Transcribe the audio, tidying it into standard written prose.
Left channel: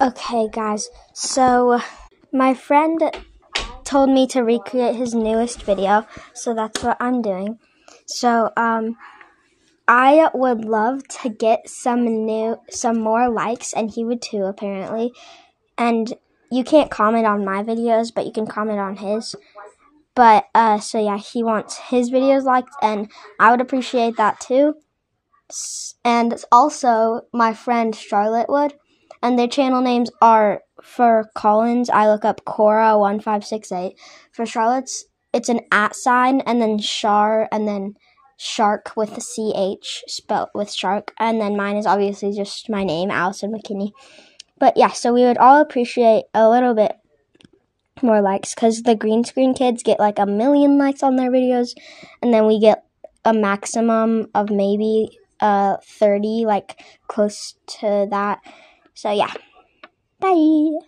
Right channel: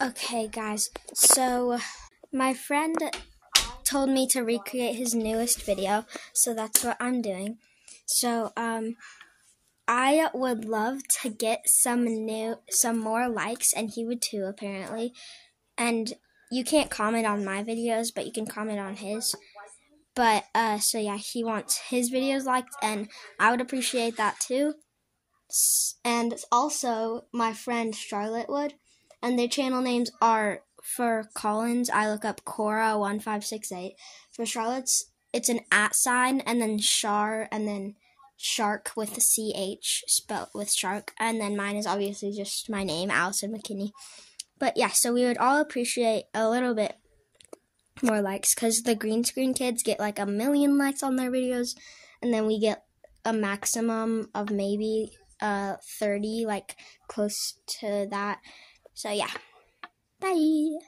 Okay, guys, so my friend told me to recreate his newest video, so that's what I'm doing. So, I would love to get some more likes, and he would too, apparently. And you can't comment on my videos, but you can comment on his. But, so yeah, he wants his videos liked, and I would appreciate that too. And also, my friend Charlotte would. And their channel names are, for Collins, I look up Cora1568. For Charlotte's, it's an @ and then Char, and then Shark with a CH, spelled with shark. And then mine is obviously just my name, Allison McKinney. But yeah, so we would all appreciate a little bit more likes, because the green screen kids get like 1 million likes on their videos, and then we get a maximum of maybe 30, like close to that. So yeah, bye.